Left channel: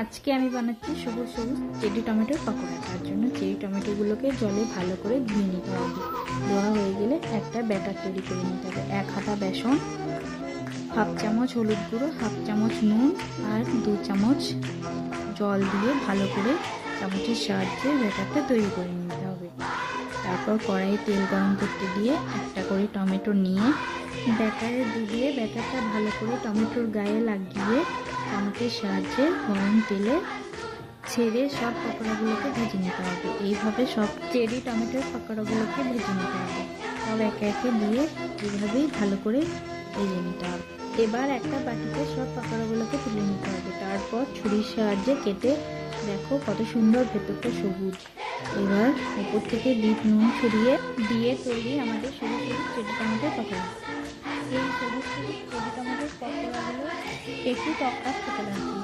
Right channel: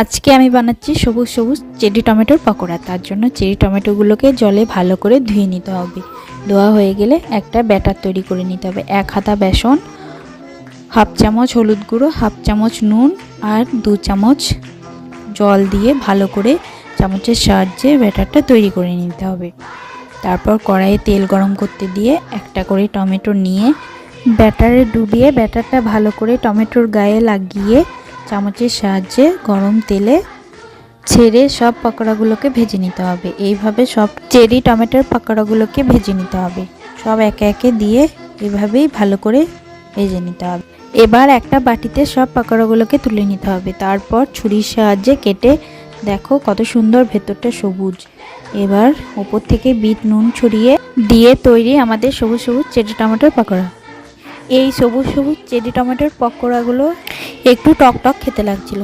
আজকে আমি বানাচ্ছি সবুজ সবুজ চেরি টমেটোর পকোড়া। তার জন্য চেরি টমেটোগুলোকে জলে ভালো করে ধুয়ে নিতে হবে। ধোয়া হয়ে গেলে একটা ব্যাটার তৈরি করে নিতে হবে। 1 হাতা বেসন, হাফ চামচ হলুদ গুঁড়ো, হাফ চামচ নুন আর 2 চামচ জল দিয়ে ভালো করে চামচের সাহায্যে ব্যাটারটা তৈরি করে নিতে হবে। তারপর কড়াইয়ে তেল গরম করতে দিয়ে একটা করে টমেটো নিয়ে ব্যাটারে ডুবিয়ে ব্যাটারটা ভালো করে টমেটোর গায়ে লাগিয়ে চামচের সাহায্যে গরম তেলে ছেড়ে সব পকোড়াগুলোকে ভেজে নিতে হবে। এইভাবে সব চেরি টমেটোর পকোড়াগুলোকে ভেজে নিতে হবে। সব একে একে দিয়ে এভাবেই ভালো করে ভেজে নিতে হবে। এবার একটা বাটিতে সব পকোড়াগুলোকে তুলে নিতে হবে। তারপর ছুরির সাহায্যে কেটে দেখো কত সুন্দর ভেতরটা সবুজ। এবার উপর থেকে বিট নুন ছড়িয়ে দিয়ে তৈরি আমাদের সবুজ সবুজ চেরি টমেটোর পকোড়া। এই সবুজ সবুজ চেরি টমেটোর পকোড়াগুলো একটু টক টক খেতে লাগছিল।